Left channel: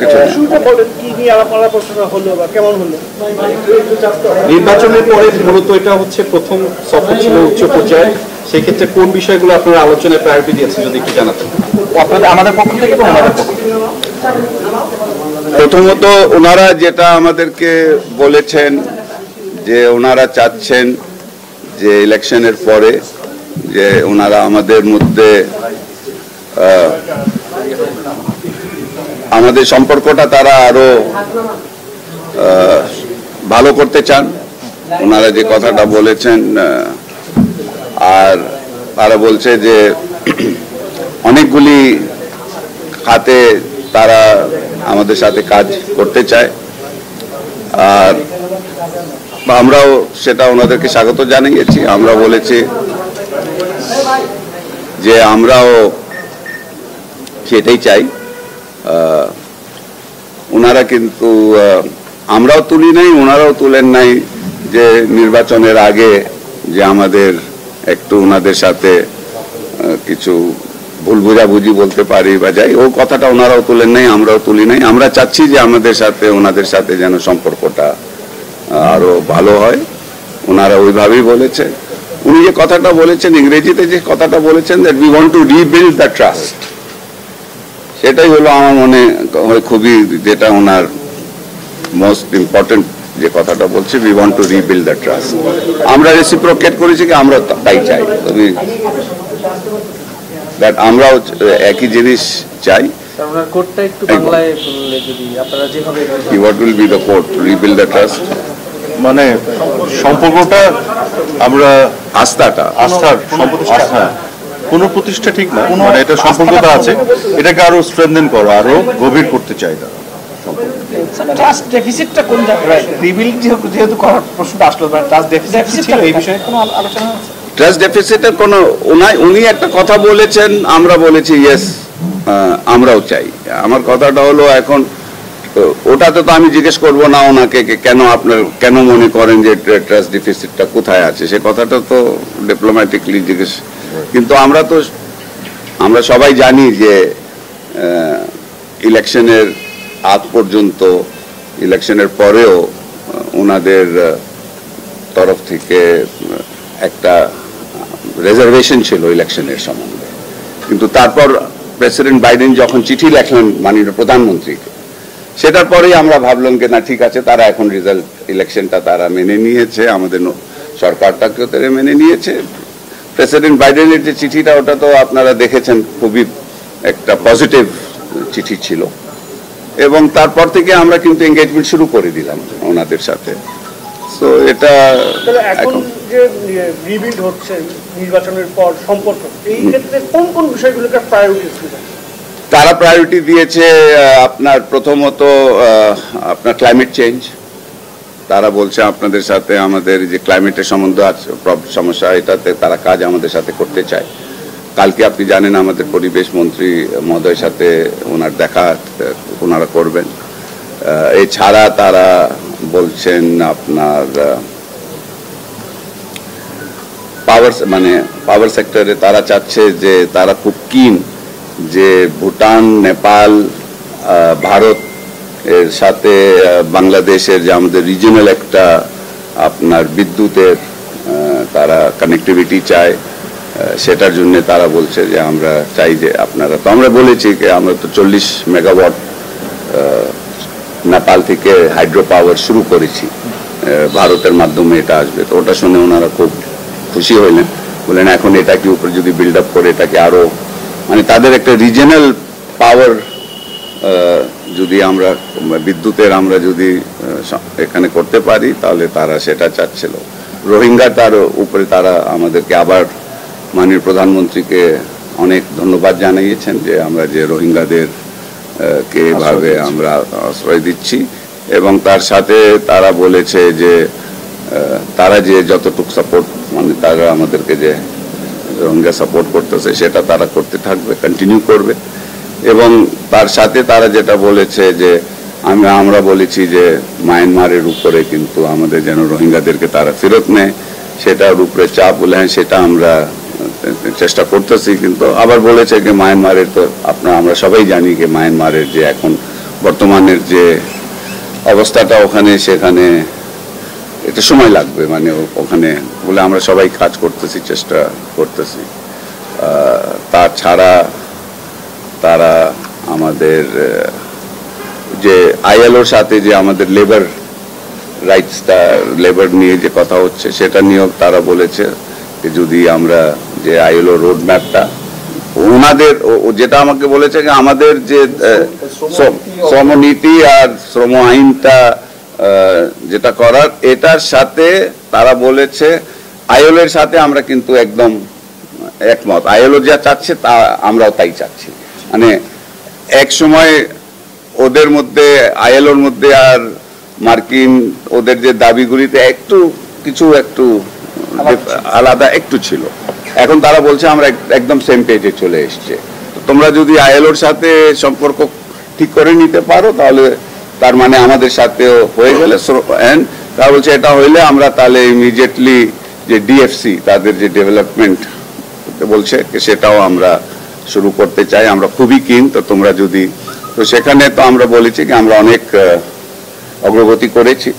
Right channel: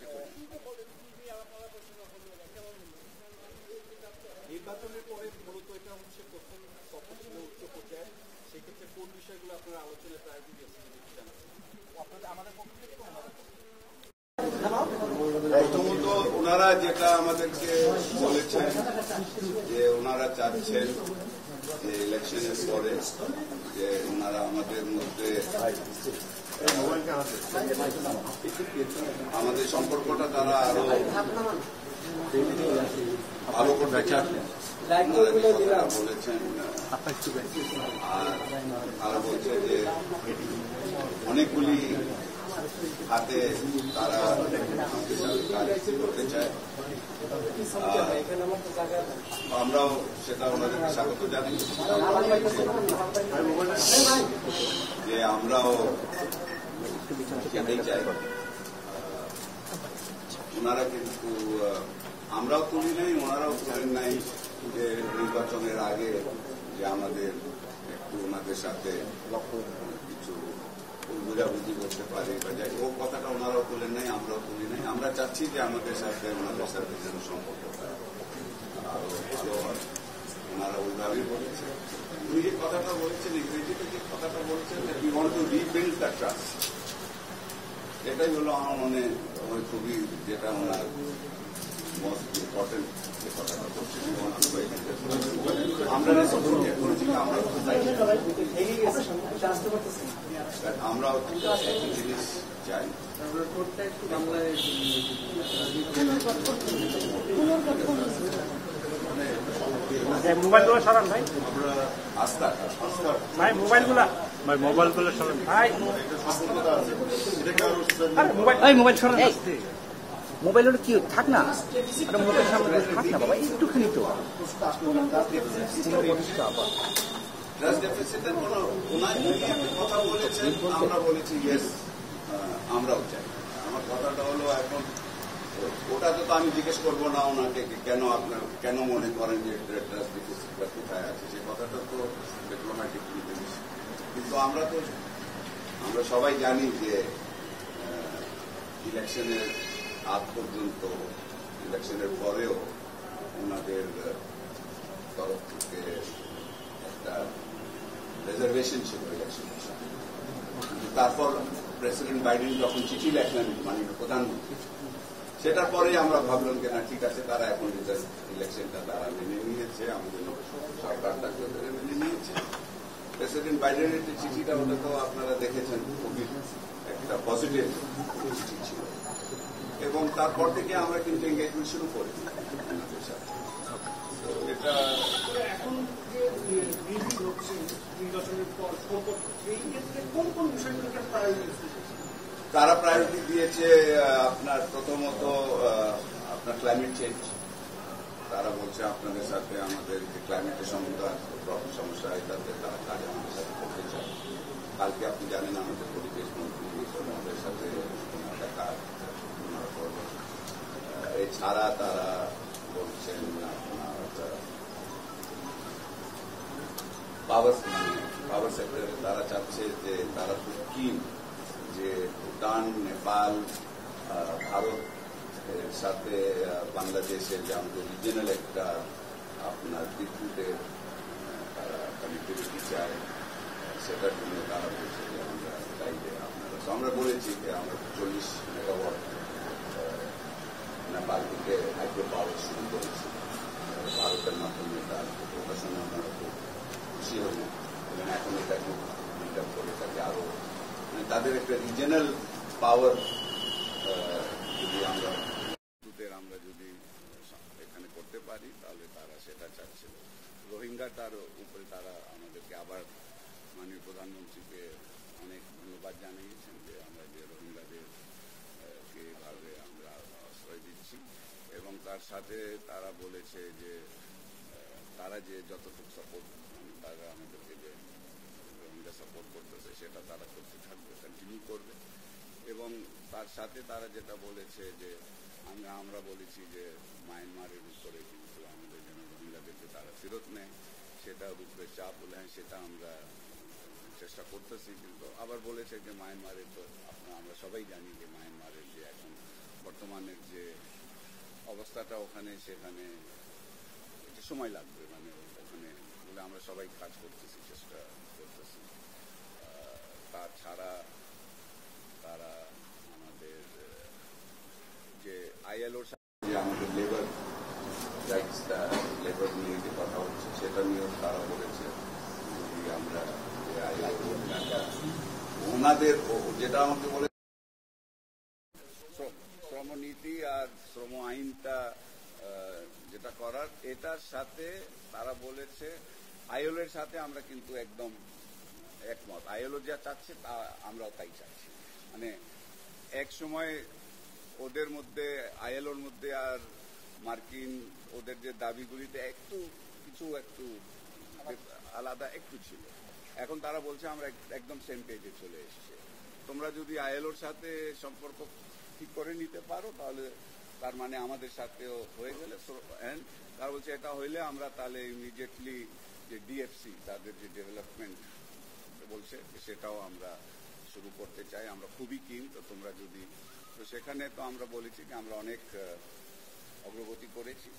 কিছু না। নির্বাচনের পরে মূলত এটা হচ্ছে প্রথম সফর ছিল উচ্চ পর্যায়ে, সেই ক্ষেত্রে কোন বিষয়গুলো আপনারা আলোচনায় প্রায়োরিটি দিয়েছেন যদি একটু জানাতেন আমাদের পক্ষ থেকে। প্রথমত ওনারা যেটা আমাদেরকে বলেছেন যে ওনারা চাচ্ছেন যে ইলেকশনের পরে যে ওনারা আমাদের মধ্যে আমাদের সম্পর্কটা তারা আরো ভালো করতে চান, ওনারা যে কথাটা বলেছেন। আর তারা বলছে যে অনেকগুলি খাতে তারা আমাদের সাথে কাজ করতে চায়, আর আমরাও সেটা ওনাদেরকে স্বাগত জানিয়েছি। আমরা বলেছি যে আমরাও সেটাই চাই। ওনারা কিন্তু আমরাও তুলি নাই, ওনারাও তুলেন নাই যে নির্বাচনের আগে যে আমাদের একটু ওনাদের সাথে কিছু ভুল বোঝাবুঝি বলতে পারি বা যাই, ও কথাটা ওনারাও তুলেন নাই, আমরাও তুলি নাই। আমরা চাচ্ছি যে আমাদের সাথে ওনাদের সাথে যেন সম্পর্কটা আরো ভালো হয়, ওনারা ওইভাবেই বলেছে। উনি যে কথাটা বলেছেন ইংরেজিতে, যে কথাটা বলেছেন that we want to rebuild the trust, সেটাই হলো আমার মনে হয় খুবই যেটা ওনার মোস্ট ইম্পর্টেন্ট যে কথাটা বলছে, we want to rebuild the trust. আমরা রেসিপ্রোকেট করেছি কি আমরা তাই চাই, তুমি দ্যাট আমরাও একই জিনিস চাই। What will be the quote? Rebuild the trust. মানে সম্পর্কটা আমরা আস্থার পুনঃপ্রতিষ্ঠা ঠিক না, মানে এটা সম্পর্কটা আছে, এটাকে আরো স্ট্রেনথেন করা, আরো গভীর করতে চাই না। ট্রাস্ট ডেফিসিটটা কোন জায়গায় রিবিল্ড যেহেতু করার প্রশ্নটা আসলো, ট্রাস্ট ডেফিসিট ছিল, এই বিষয়ে কোনো আলোচনা আছে? ট্রাস্ট ডেফিসিটের কোনো উনি একটা কথা বলেছেন, আমরা বলেছি ইয়েস আমরাও চাই। আমার কথাটা হলো এখন ওটাতে তো আমি জিজ্ঞেস করবো না ওনাকে কেন আপনার কেন মনে করেন যে ট্রাস্ট ডেফিসিটটা কোথায় আছে, সে কথাটা তো ডিপ্লোম্যাটিকলি জিজ্ঞেস। কিন্তু আমরা সবাই জানি যে ইলেকশনের আগ পর্যন্ত, ইলেকশনের পরেও ওনাদের তরফ থেকে একটা রিজার্ভেশন ছিল ইলেকশনের সম্বন্ধে। কিন্তু তারপর প্রেসিডেন্ট বাইডেন যখন চিঠি লেখলেন মাননীয় প্রধানমন্ত্রীকে, সেটার পরেই আমরা ভাবলাম যে না ঠিক আছে, তারা এখন রেজাল্ট ইলেকশনটা তারা মেনে নিয়েছে, আমাদের সরকারটাকেও তারা মেনে নিয়েছে। প্রেসিডেন্ট বাইডেনের যে চিঠিটা, ওটা তো আপনারা দেখেছেন, খুবই একটা পজিটিভ চিঠি ছিল। এবং তারপর থেকে আমরা কিন্তু এঙ্গেজমেন্ট শুরু করে দিলাম ওনাদের সাথে। তো এটা এখন যে রিবিল্ড হচ্ছে নির্বাচনের পর সম্পর্ক, এই ক্ষেত্রে কোন কোন বিষয়গুলোকে প্রায়োরিটি দিবেন? তারা প্রায়োরিটি দিয়েছে আপনার প্রথমত আপনার ক্লাইমেট চেঞ্জ। তারা বলছে আপনাদের সাথে আমাদের যে ক্লাইমেটের সম্বন্ধ আছে সমস্যা, এটাতে তারা কাজ আমাদের সাথে করতে চায়। কালকে আপনি জানেন আমাদের পরিবেশ মন্ত্রী মহোদয়ের সাথে ওনার দেখা ওনারা করবেন। এছাড়া তারা বলছেন আপনার পাওয়ার সেক্টরে তারা চাচ্ছে যে তারা খুব কিন যে ভুটান, নেপাল, ভারত এর সাথে বাংলাদেশের যে আমাদের রিজিওনাল একটা আপনার বিদ্যুতের তারা কানেক্টিভিটি চায়, সেটার জন্য তারা বলছে যে আমরা চাই যে আপনারা, তো আমরা বলেছি যে আমরা তো 40 মেগাওয়াট নেপাল থেকে হাইড্রো পাওয়ার শুরু করেছি, ভারতের মাধ্যমে এটা আসবে। তো ওটা শুনে ওনারা খুব খুশি হইলেন, বললেন এখন এটাকে উপরে যদি বিল্ড আপ করে এটাকে আরো মানে তাদের একটা রিজিওনাল পাওয়ার যদি আমরা বিদ্যুতের আমরা যদি এখানে করতে পারি তাহলে তারা সেটা চাচ্ছিল। রোহিঙ্গা তার উপরে তারা আমাদেরকে আবার মাননীয় প্রধানমন্ত্রীকে অনেক ধন্যবাদ জানিয়েছেন যে আমরা যে রোহিঙ্গাদের কে এভাবে আমরা আশ্রয় দিচ্ছি, এবং তার সাথে তারা বলেছে যে তারা যে যতটুকু সাপোর্ট মানে তারা আমাদেরকে যে রোহিঙ্গা সাপোর্ট করতেছে সেটা তারা করতে থাকবে, কন্টিনিউ করবে। এবং তার সাথে তারা যেটা বলেছে যে আমরা বলেছি যে মায়ানমারের উপরে কিন্তু আমাদের যেন রোহিঙ্গাদেরকে তারা ফেরত নেয়, সেটার উপরে চাপ বলে হ্যাঁ সেটা আমরা চেষ্টা করতেছি। কিন্তু আবার বলেছে যে মায়ানমারের তো আমরা সবাই জানি যে মায়ানমারের যে এখন বর্তমানের যে অবস্থাটা ওখানে সেখানে এটা সময় লাগবে, মানে ওখানে বলে আমরা সবাই কাজ করতেছি, চেষ্টা করতেছি। তাছাড়া তারা আমাদের যে আইএলওর সাথে যে আমাদের লেবার রাইটসটা, লেবার নিয়ে যে কথা হচ্ছে সেটা নিয়েও তারা বলেছে যে যদি আমরা যে আইএলও রোড ম্যাপটা ওনাদের যেটা আমাকে বলেছে যে আমাদের যে শ্রমনীতি আর শ্রম আইনটা যেটা করার এটার সাথে তারা বলেছে আইএলও এর সাথে আমরা কিন্তু একদম একমত, আইএলও যা চাচ্ছে তা আমরাও তাই চাচ্ছি। মানে এক সময় ওদের মধ্যে আইএলওর মধ্যে আর মার্কিন ওদের যে দাবিগুলিতে একটু কিছু একটু আলাদা একটু ছিল, এখন তারা বলছে আমরা একদম সেম পেজে চলে এসছে। তোমরা যদি আইএলওর সাথে সম্পর্ক ঠিক করে নিতে পারো তাহলে তার মানে আমাদের সাথেও হয়ে গেলে, তারা বলছে এটা হইলে আমরা তাহলে ইমিডিয়েটলি যে ডিএফসি তাদের যে ডেভেলপমেন্ট বলছে সেটাও আমরা শুরু করতে চাই, আমরা খুবই কিন। তো তোমরা যদি, তো সেখানে তো আমরা বলেছি কি আমরা অনেক অগ্রগতি করেছি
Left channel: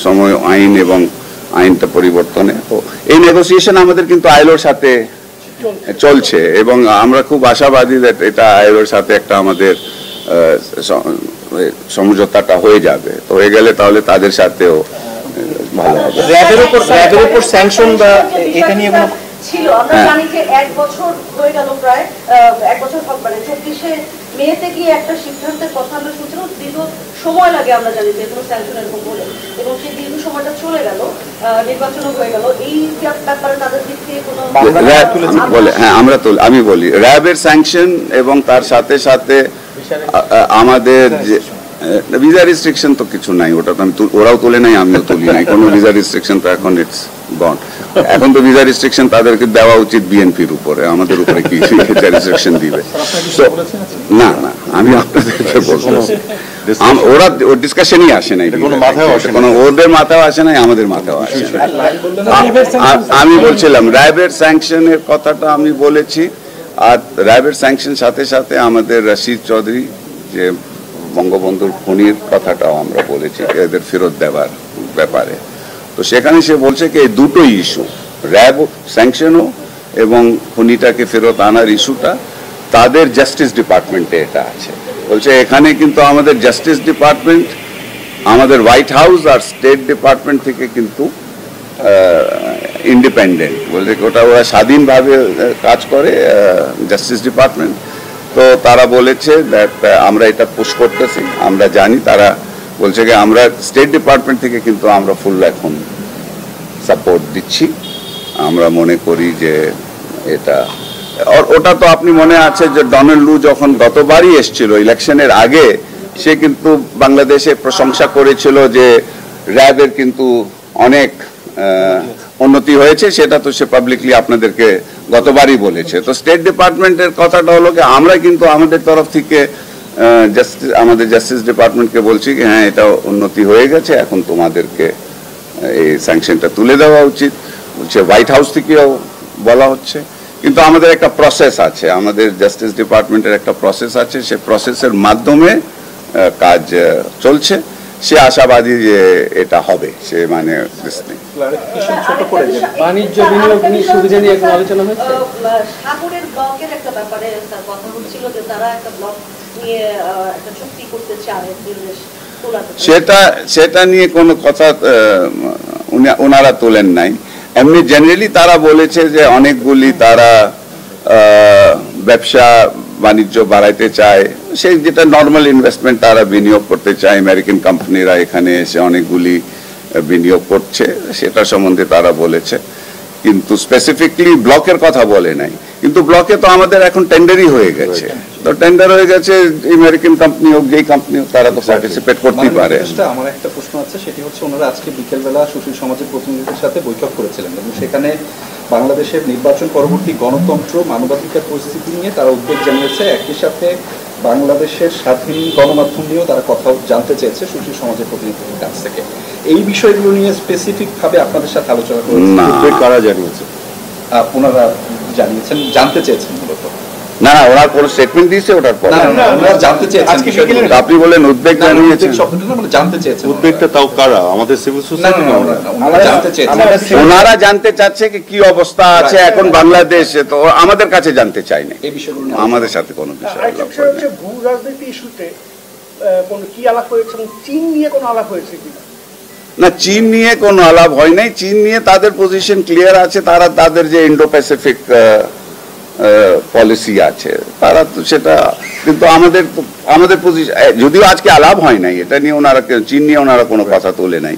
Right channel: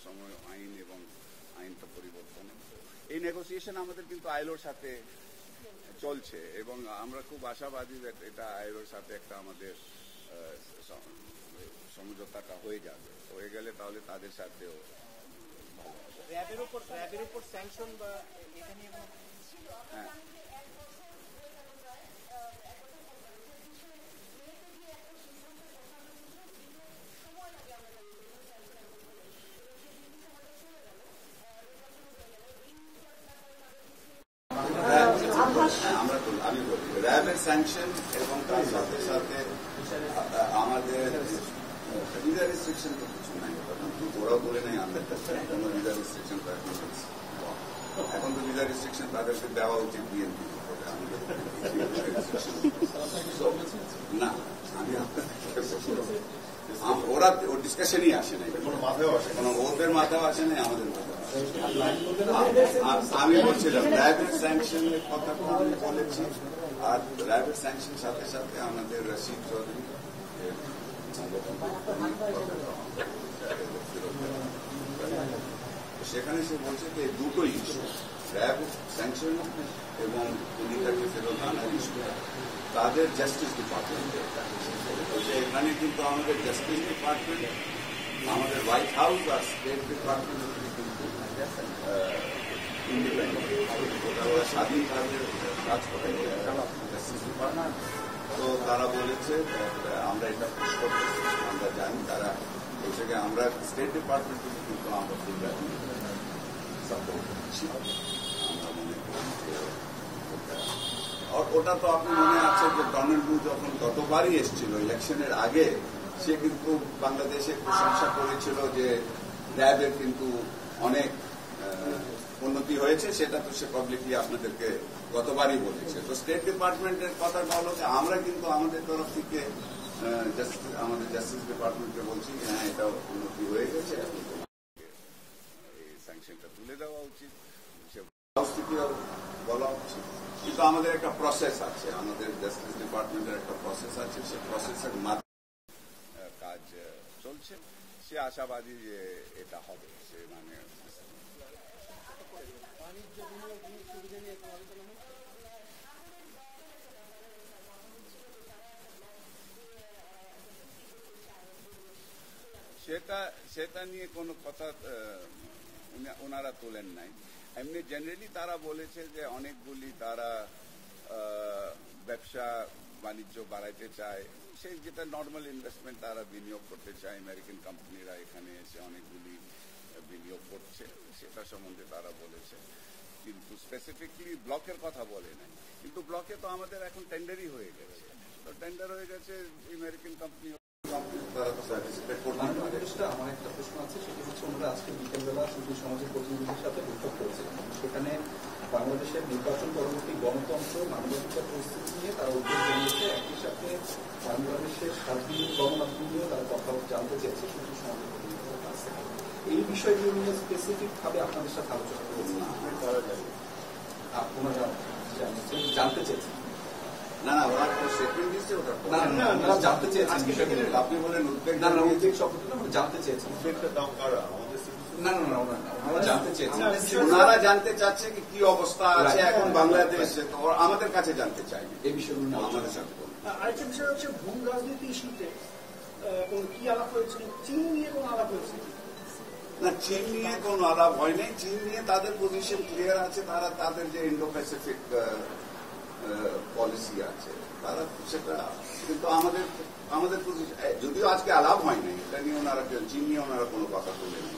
শ্রম আইন এবং আইনটা পরিবর্তনে। তো এই নেগোসিয়েশন আমাদের কিন্তু আইএলওর সাথে চলছে এবং আমরা খুব আশাবাদী যে এটা আইএলওর সাথে একটা আমাদের সমঝোতাটা হয়ে যাবে। তো হয়ে গেলে তাহলে তাদের সাথেও ভালো হবে। র্যাবের উপর স্যাংশন বা এটা নিয়ে কোনো ছিল, আমরা জানি যে 1 বছর হয়ে গেল, প্রায় 1 বছর মানে 24শে মেতে গিয়ে একটা সিদ্ধান্তের কথা আমরা শুনছিলাম, দীর্ঘ সময় লাগে আমরা জানি যে কোনো স্যাংশন এরকম বলে, এবং সেই দীর্ঘ সময়টা চলে গেল, নির্বাচনও হয়ে গেল। এই ব্যাপারে তাদের দিক থেকে কোনো আমি বলি র্যাবের স্যাংশন এবং তার সাথে সাথে আমাদের যে ভিসা রিস্ট্রিকশন তো কিছু নাই, ওটা তো আমি ওরাও তুলে নাই আমিও তুলি নাই, কোনো ভিসা রিস্ট্রিকশন তো এখন ইটস গন। এখন তো ভিসা রিস্ট্রিকশন তাদেরকে দেওয়া উচিত বিএনপির উপরে, আমাদের উপরে কি ভিসা রিস্ট্রিকশন দিবে? না না, আমি আপনাদেরকে বলবো ওরা ওর ডিসকাশনই আসে নাই, কোনো ওদের মাথাও আসে নাই, আমাদের মাথাও আসে নাই। আমি বলছিলাম র্যাবের স্যাংশনের কথাটা আমি বলেছি, আর র্যাবের স্যাংশন সাথে সাথে আমাদের রশিদ চৌধুরী যে বঙ্গবন্ধুর খুনির কথাটাও আমরা বলেছি এদের ফেরত দেওয়ার ব্যাপারে। তো সেখানে সে বলছে কি এই দুটোই ইস্যু, র্যাব স্যাংশনও এবং খুনিটাকে ফেরত আনার ইস্যুটা তাদের জাস্টিস ডিপার্টমেন্টে এটা আছে। বলছে এখানে কিন্তু আমাদের জাস্টিস ডিপার্টমেন্ট, আমাদের হোয়াইট হাউস আর স্টেট ডিপার্টমেন্ট থেকে কিন্তু ইন্ডিপেন্ডেন্ট, বলছে ওটা ওরা স্বাধীনভাবে কাজ করে জাস্টিস ডিপার্টমেন্ট। তো তারা বলেছে আমরা এটা পুশ করতেছি, আমরা জানি, তারা বলছে যে আমরা স্টেট ডিপার্টমেন্ট থেকে কিন্তু আমরা ফুল এখন সাপোর্ট দিচ্ছি। আমরা মনে করি যে এটা, ওটা তো আপনি মনে আছে যে ডোনাল্ড লু যখন গতবারই এসেছিল ইলেকশনের আগে, সে কিন্তু বাংলাদেশে প্রশংসা করেছিল যে র্যাবের কিন্তু অনেক উন্নতি হয়েছে, সেটা তো সে পাবলিকলি আপনাদেরকে গতবারই বলেছে। তো স্টেট ডিপার্টমেন্টের কথাটা হলো কি আমরা কিন্তু আমাদের তরফ থেকে আমাদের জাস্টিস ডিপার্টমেন্টকে বলছি কি হ্যাঁ এটা উন্নতি হয়ে গেছে, এখন তোমাদেরকে এই স্যাংশনটা তুলে দেওয়া উচিত। বলছে হোয়াইট হাউস থেকেও বলা হচ্ছে, কিন্তু আমাদের একটা প্রসেস আছে, আমাদের জাস্টিস ডিপার্টমেন্টের একটা প্রসেস আছে, সে প্রসেসের মাধ্যমে কাজ চলছে। সে আশাবাদী যে এটা হবে, সে মানে বাণিজ্য বিনিয়োগ সুবিধা নিয়ে কোনো আলোচনা হয়েছে। সাগরের ব্লকের একটা ব্যাপারে কথা হচ্ছিল যে তারা একটা ব্লক নিয়ে একটা চুক্তি করতে চায়, সেটা নিয়ে কোনো কথা ওনারা তোলেন নাই। এমনি জেনারেলি তারা বলেছে যে অনেকগুলি তারা ব্যবসা বাণিজ্য বাড়াইতে চায়, সেই যেটা নর্মাল ইনভেস্টমেন্ট তারা বিনিয়োগ করতে চায়, আমেরিকান কোম্পানিরা এখানে এসে অনেকগুলি বিনিয়োগ করছে, সেটা সম্বন্ধে তারা বলেছে, কিন্তু স্পেসিফিকলি ব্লকের কথা বলে নাই। কিন্তু ব্লকে তো আমাদের এখন টেন্ডারই হয়ে গেছে, তো টেন্ডার হয়ে গেছে, আমেরিকান কোম্পানি হোক যেই কোম্পানি হোক তারা তো পার্টিসিপেট করতেই পারে। আমার একটা প্রশ্ন আছে, সেটি হচ্ছে ওনারা আজকে বিকেলবেলা সুশীল সমাজের প্রতিনিধিদের সাথে বৈঠক করেছিলেন এবং সেখানে বাংলাদেশের নির্বাচন পরবর্তী গণতন্ত্র মানবাধিকার পরিস্থিতি নিয়ে তারা উদ্বেগ জানিয়েছে, একই সাথে বাংলাদেশের স্বাধীন গণমাধ্যম নিয়েও তারা কথা জানতে চেয়েছে সুশীল সমাজের প্রতিনিধিদের কাছ থেকে। এই বিষয়গুলো নিয়ে স্পেসিফিক ভাবে আপনাদের সাথে আলোচনা করেছেন? কারা জানিয়েছে? ওনারা জানিয়েছেন, জানতে চেয়েছেন মূলত। না না, ওনার কোনো স্টেটমেন্ট দিয়েছে ওটার পর? না না না, ওনারা জানতে চেয়েছেন আজকে বিষয়গুলো। বিকেলে আপনি বলেন উদ্বেগ জানিয়েছেন, উদ্বেগ শব্দটা না, মানে জানতে চেয়েছেন। উদ্বেগটা তাও কারা? আমাদের সিভিল না, সোসাইটি? না, না, না, ওনারা জানতে চেয়েছেন। ওনারা জানতে চাচ্ছে কি অবস্থা আছে এখন বাংলাদেশে, তো আমাদের কাছে জানতে চায়নি, এই বিষয়গুলো নিয়ে আমাদের সাথে কোনো বিষয় আরেকটা আলাপ বিষয় করেনি। হচ্ছে ভূ রাজনীতি ইস্যুতে কোনো কি আলাপ হয়েছে এবং চীন নিয়ে কোনো আলাপ হয়েছে কি? না, চীন নিয়ে কোনো আলাপ হয় নাই। চীন নিয়ে তাদের পজিশন ক্লিয়ার আছে, তারা তাদের যে ইন্ডো প্যাসিফিক পলিসি আছে তারা তো সেটা, কিন্তু আমাদের পজিশন, যদিও আজকে আলাপ হয় নাই এটা নিয়ে, ওনারা চীন নিয়ে ওনারা কোনো কথা তোলে নাই,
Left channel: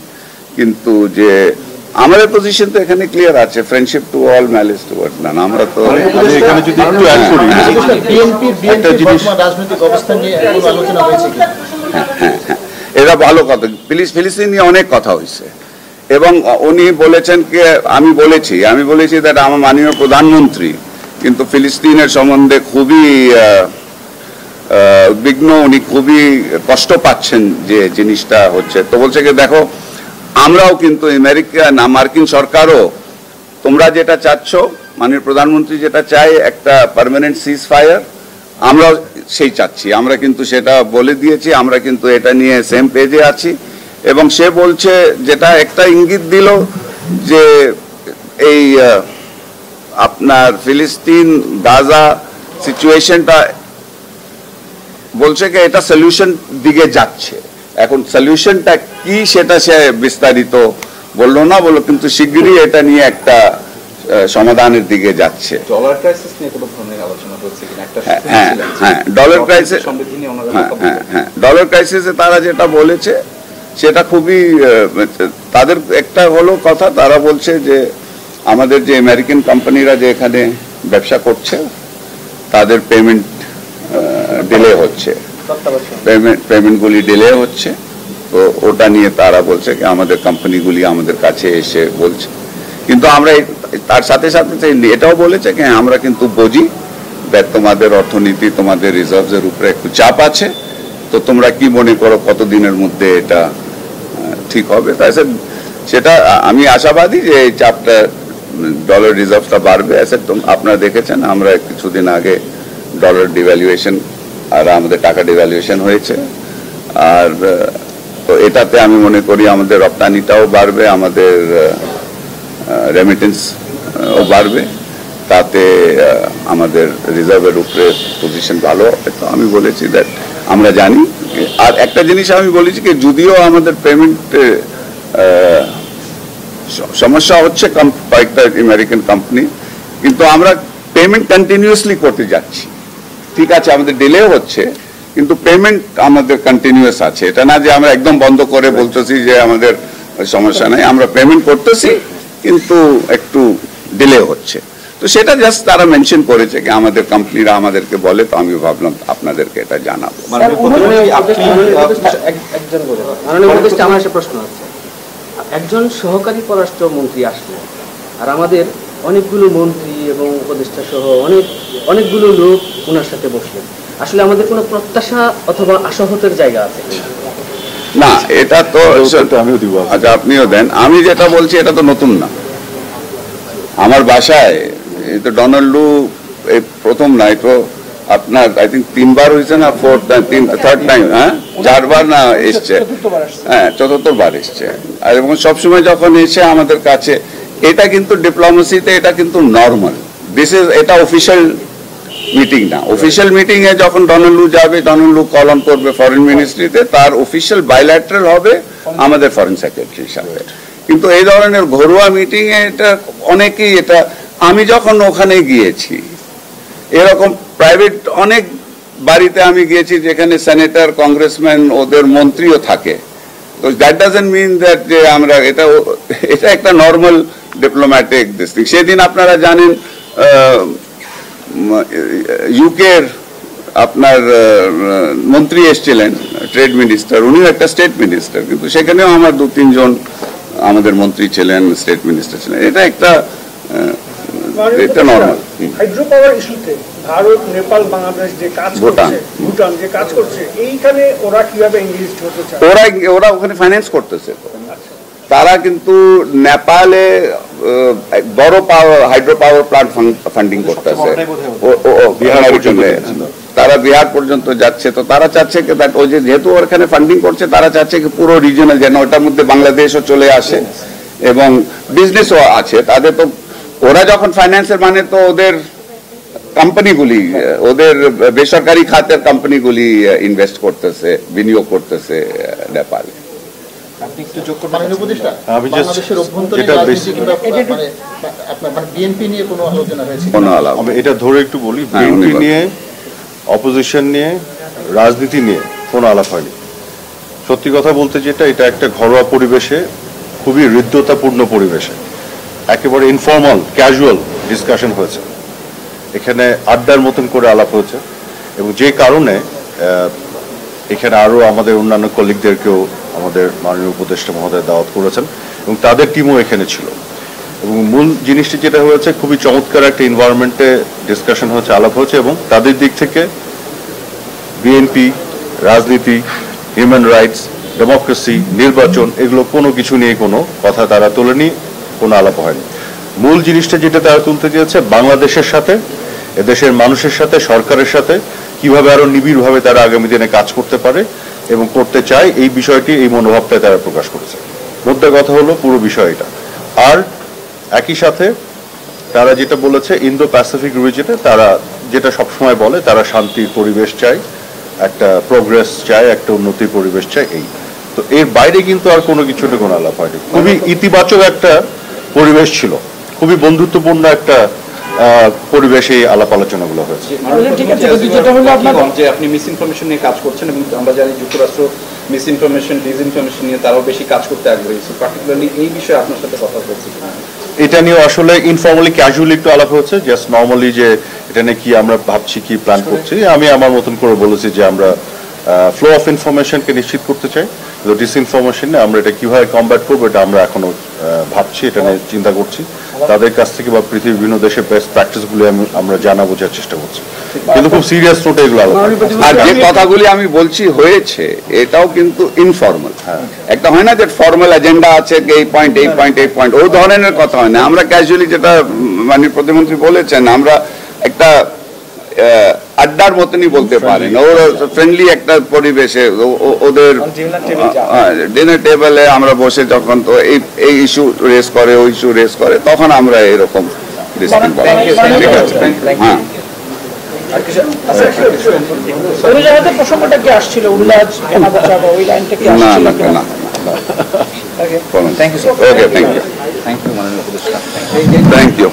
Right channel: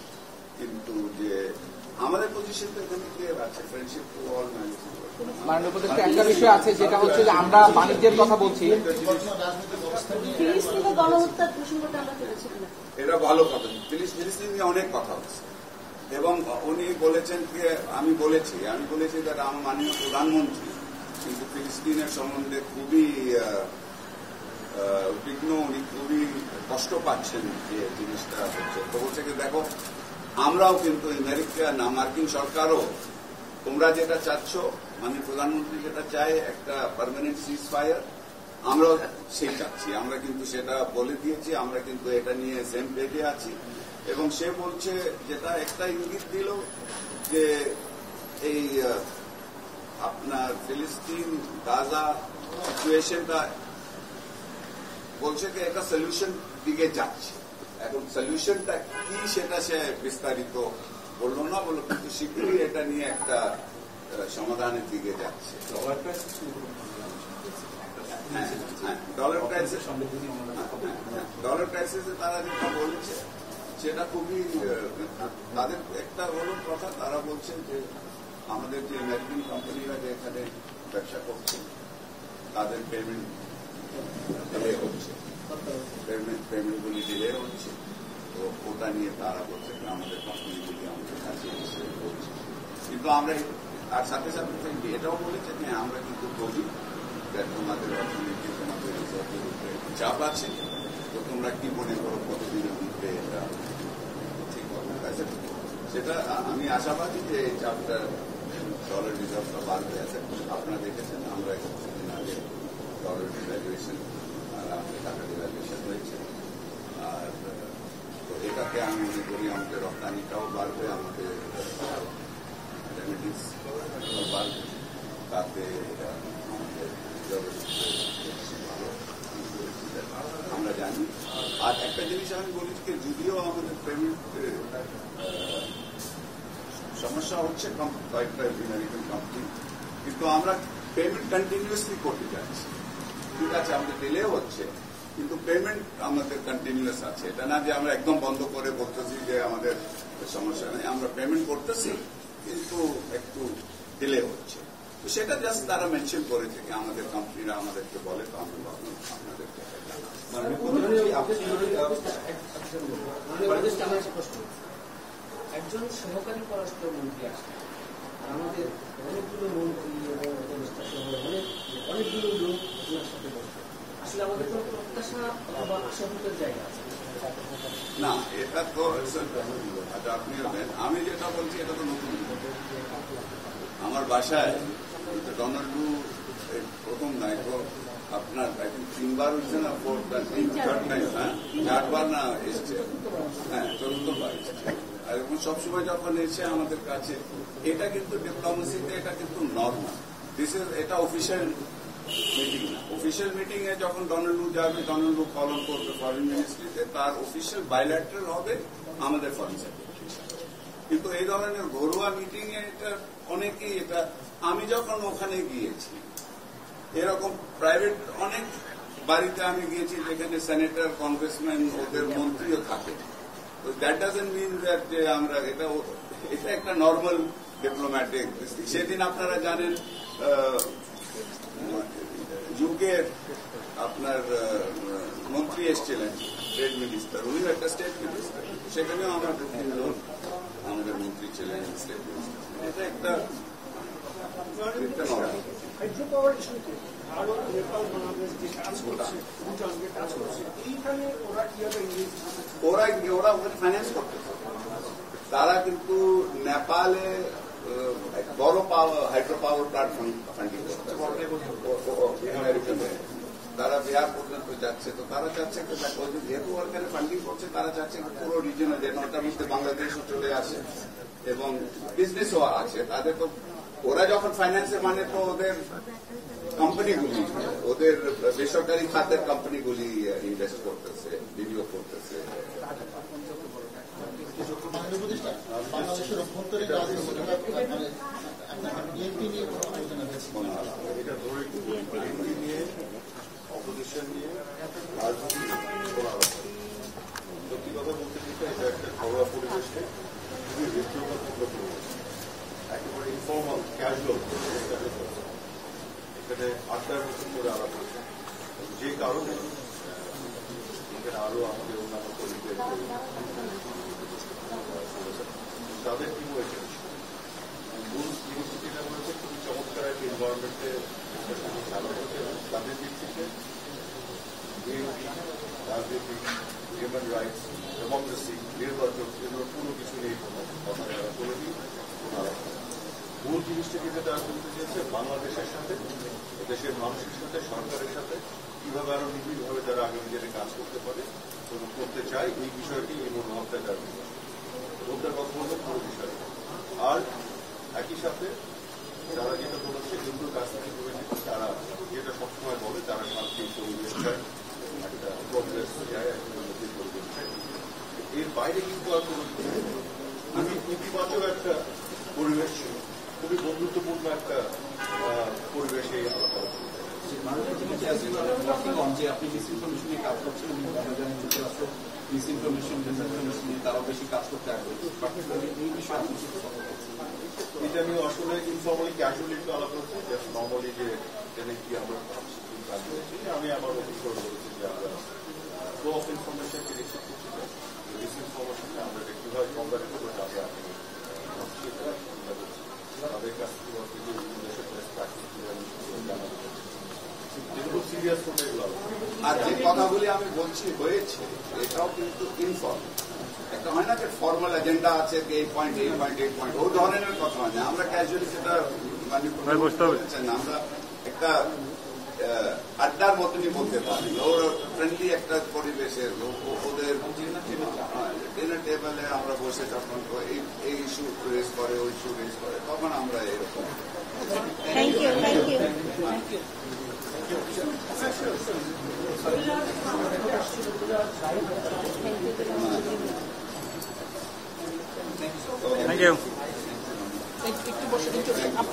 কিন্তু যে আমাদের পজিশন তো এখানে ক্লিয়ার আছে, friendship to all, malice towards none. আমরা তো আমি এখানে যদি একটু অ্যাড করি, একটা জিনিস রাজনৈতিক অবস্থান নিয়ে কোনো আলোচনা হয়েছে কি? এটা ভালো কথা। ফিলিস্তিন নিয়ে অনেক কথা হয়েছে এবং উনি বলেছেন কি, আমি বলেছি দ্যাট আমার মাননীয় প্রধানমন্ত্রী কিন্তু ফিলিস্তিনের সম্বন্ধে খুবই উদ্বিগ্ন, উনি খুবই কষ্ট পাচ্ছেন যে জিনিসটা হচ্ছে। তো বলছে কি দেখো, আমরাও কিন্তু মার্কিন সরকারও তোমরা যেটা চাচ্ছ, মাননীয় প্রধানমন্ত্রী যেটা চায় একটা পার্মানেন্ট সিজ ফায়ার, আমরাও সেই চাচ্ছি, আমরা কিন্তু সেটা বলে দিয়েছি, আমরা কিন্তু এটা নিয়ে সেম পেজে আছি। এবং সে বলছে, যেটা একটা ইঙ্গিত দিল যে এই আপনার ফিলিস্তিন গাজা সিচুয়েশনটা, বলছে কি এটা সলিউশন দিকে যাচ্ছে। এখন সলিউশনটা কি সেটা সে বিস্তারিত বললো না, কিন্তু শিগগিরই এটা নিয়ে একটা সমাধানের দিকে যাচ্ছে। ডলার ক্রাইসিস নিয়ে কোনো ধরনের আলোচনা হচ্ছে কিনা? একটা হ্যাঁ, ডলার ক্রাইসিস, সমৃদ্ধি নিয়ে ওনারা হ্যাঁ, ডলার ক্রাইসিসে তারা যেটা বলেছে সেটা খুবই, তাদের একটা হলো কথা, তারা বলছে যে আমাদের যে আমেরিকান কোম্পানিরা যে এখানে ব্যবসা করছে তাদের পেমেন্ট ডিলে হচ্ছে, পেমেন্টগুলি ডিলে হচ্ছে, তো ওটা নিয়ে তারা বলছে কি আমাদের কোম্পানিগুলি আমাদের কাছে এসে বলছে। কিন্তু আমরা তার সাথে সাথে এটাও বলেছে কি আমরা কিন্তু বুঝি তোমাদের অর্থনীতি, তোমাদের রিজার্ভের উপরে একটু চাপ আছে, তো তোমরা কি মনে করো কতদিনের মধ্যে এটা ঠিক হবে। তাই সেটা আমি আশাবাদী যে এই চাপটা, ডলার রিজার্ভটা বাড়বে। আপনারা দেখেছেন আমরা কিছুদিন আগে ডলার ডিভ্যালুয়েশন আর আমাদের টাকা ডিভ্যালুয়েশন হয়েছে, আর তো এটাতে আমি মনে করি আমাদের রপ্তানিটাও বাড়বে, আমাদের রেমিটেন্স বাড়বে, তাতে আমাদের রিজার্ভের উপরে পজিশন ভালো হবে। তো আমি বলেছি দ্যাট আমরা জানি। আর একটা জিনিস আমি বলেছি কি যদিও আমাদের পেমেন্ট সমস্যা হচ্ছে কয়েকটা আমেরিকান কোম্পানি, কিন্তু আমরা পেমেন্ট কন্টিনিউয়াসলি করতে যাচ্ছি। ঠিক আছে, আমাদের ডিলে হচ্ছে কিন্তু পেমেন্ট আমাদের কন্টিনিউয়াস আছে, এটা না যে আমরা একদম বন্ধ করে বলতেছি যে আমাদের সমস্যা নাই, আমরা পেমেন্ট করতেছি কিন্তু একটু ডিলে হচ্ছে। তো সেটা জাস্ট তারা মেনশন করেছে কি আমাদের কোম্পানিরা আমাদেরকে বলে, তো আমি ভাবলাম আপনাদেরকে এটা জানাবো। আমার একটা প্রশ্ন আছে, একজন সহকারী পররাষ্ট্রমন্ত্রী আসলো আর আমাদের অনেকগুলো মন্ত্রী এবং উপদেষ্টা সহ অনেকগুলো লোক ওনার সাথে বসলেন, আসলে আমাদের কোনো প্রত্যাশা অথবা আশাহতের জায়গা আছে? না, এটা তো আমিও দিব। আচ্ছা, আপনিও দেন। আমি যেটা বলছি এটা তো নতুন না, আমার বাসায় এই তো ডোনাল্ড লু এই প্রথম না, এই তো আপনার আই থিঙ্ক 3 বার হয়েছে না, থার্ড টাইম, হ্যাঁ 4 বার না এসছে, হ্যাঁ 4th বার এসছে। আর এবং সবসময় যখন এসে আমাদের কাছে, এটা কিন্তু ডিপ্লোমেসিতে এটা কিন্তু নর্মাল, এটা অফিসিয়াল মিটিং না। অফিসিয়াল মিটিং এ যখন ডোনাল্ড লু যাবে, ডোনাল্ড লু কল অন করবে ফরেন মিনিস্ট্রিতে, তার অফিসিয়াল বাইল্যাটারাল হবে আমাদের ফরেন সেক্রেটারির সাথে। কিন্তু এই ধরনের ঘরোয়া মিটিং এ এটা অনেকেই, এটা আমি যখন ওখানে গিয়েছি এরকম প্রাইভেট অনেক বাড়িতে আমি গিয়েছি যেখানে সেনেটর, কংগ্রেসম্যান, ওদের মন্ত্রীও থাকে, তো দ্যাট ডাজন্ট মিন দ্যাট যে আমরা এটা একটা নর্মাল ডিপ্লোম্যাটিক দিস। সেদিন আপনারা জানেন ইউকের আপনার মন্ত্রী এসেছিলেন, ট্রেড মিনিস্টার, উনিও একটা স্টেট মিনিস্টার, কিন্তু সেখানেও আমার 2-3 জন আমাদের মন্ত্রী ছিলেন, স্টেট মিনিস্টার ছিলেন। এটা একটা নর্মাল। হাইড্রো পাওয়ার ইস্যুতে ভারত, নেপাল, বাংলাদেশ যে কাজ করছে, ভুটান যে কাজ করছে, এইখানে ওরা কিভাবে এনগেজড হতে চায়? ওরা ওখানে ফাইন্যান্স করতেছে, তারা কিন্তু নেপালে বড় হাইড্রো পাওয়ার প্লান্ট ফান্ডিং করতেছে, তারা বিহার পর্যন্ত যাচ্ছে। তো তারা চাচ্ছে ওই যে যেহেতু ওখানে ফান্ডিং করছে, তারা চাচ্ছে কি পুরো রিজনাল যেন ওটার মধ্যে বাংলাদেশও চলে আসে এবং বিজনেসও আছে তাদের। তো ওরা যখন ফাইন্যান্সের মানে তো ওদের কোম্পানিগুলি, ওদের বেসরকারি খাতের কোম্পানিগুলি ইনভেস্ট করতেছে, বিনিয়োগ করতেছে নেপালে। এটা ধরে একটু বলি, বিএনপি নিয়ে, অপোজিশন নিয়ে, রাজনীতি নিয়ে কোনো আলাপ হয়নি। সত্যি কথা বলতে যেটা, এটা একটা ঘরোয়া পরিবেশে, খুবই হৃদ্যতাপূর্ণ পরিবেশে, একেবারে ইনফর্মাল ক্যাজুয়াল ডিসকাশন হয়েছে। এখানে আড্ডার মতন করে আলাপ হয়েছে এবং যে কারণে এখানে আরো আমাদের অন্যান্য কলিগদেরকেও আমাদের মাননীয় উপদেষ্টা মহোদয় দাওয়াত করেছেন এবং তাদের টিমও এখানে ছিল। এবং মূল জিনিসটি যেটা হয়েছে, খুবই চমৎকার একটা এনভায়রনমেন্টে ডিসকাশন হয়েছে, আলাপ হয়েছে এবং তাদের দিক থেকে বিএনপি, রাজনীতি, হিউম্যান রাইটস, ডেমোক্রেসি, নির্বাচন, এগুলো কোনো কিছু নিয়ে কোনো কথা তারা তোলেনি, কোনো আলাপ হয়নি। মূল জিনিসটা যেটা তারা তুলতে চেয়েছে, বাংলাদেশের সাথে, এদেশের মানুষের সাথে, সরকারের সাথে কিভাবে আরো নিবিড়ভাবে তারা আগামী দিনে কাজ করতে পারে এবং করতে চায়, এই বিষয়টি, এই মনোভাবটা তারা প্রকাশ করেছে। মোদ্দা কথা হলো পুরো বিষয়টা। আর একই সাথে তারা যেটা বলেছে, ইন্দো প্যাসিফিক রিজনে তারা যেটা সবসময় বলে, তারা শান্তির পরিবেশ চায়, একটা প্রোগ্রেস চায়, একটা উন্নতির পরিবেশ চায়। এই তো এর বাইরে কিন্তু আর কোনো কিছুতে কোনো আলাপ হয়নি। খুবই ইতিবাচক একটা পরিবেশ ছিল, খুবই বন্ধুত্বপূর্ণ একটা পরিবেশে আলাপ আলোচনাগুলো হয়েছে। যে আপনি মিস ইনফরমেশন নিয়ে কাজ করছেন এবং আমরা জানি যুক্তরাষ্ট্র মিস ইনফরমেশন, ডিসইনফরমেশন নিয়ে তারাও বেশি কাজ করতে আগ্রহী। পার্টিকুলারলি এই বিষয়ে আপনার সাথে কথা বলছি, এটা নিয়ে আসলে ইনফর্মালি ক্যাজুয়ালি একটু আলাপ হচ্ছে, জাস্ট নর্মালি যে এটা নিয়ে কি আমরা ভাবছি, কি প্ল্যান করছি। আমি আমার মতন করে বলেছি যে আমরা ফ্লো অফ ইনফরমেশনকে নিশ্চিত করতে চাই, ডিসইনফরমেশন নিয়ে আমরা এটা কিভাবে কমব্যাট করবো এটা আমরা এখনো ভাবছি, এটা নিয়ে চিন্তা করছি। তাদের কাছ থেকে বা পৃথিবীর বিভিন্ন দেশের বেস্ট প্র্যাকটিসগুলো আমরা জানা বোঝার চেষ্টা করছি, কিন্তু খুব সিরিয়াস নোটে এগুলো আলোচনা। আর যে কথাগুলি আমি বলছি হয়েছে, এটাও কিন্তু ইনফর্মাল। একটা হয় না যে ফর্মাল এজেন্ডা আছে, এই পয়েন্ট, এই পয়েন্ট, এই পয়েন্ট, ওই ধরনের কথা হয় না। আমরা ক্যাজুয়ালি যেটা মাননীয় প্রধানমন্ত্রী বলেছেন, আমরা একটা আড্ডার মতনই বলতে পারেন, ওর ফ্রেন্ডলি একটা পরিবেশে, ওদের ডিনার টেবিলে আমরা বসে যখন তো এই ইস্যু রেস করে, ওই ইস্যু রেস করে, তখন আমরা এরকম ডিসকাস করি। হ্যাঁ, প্রসঙ্গটা কি আসছিল? উল্লাস ওই লাইনটা কি আসছিল? না না, thank you, okay, thank you, thank you.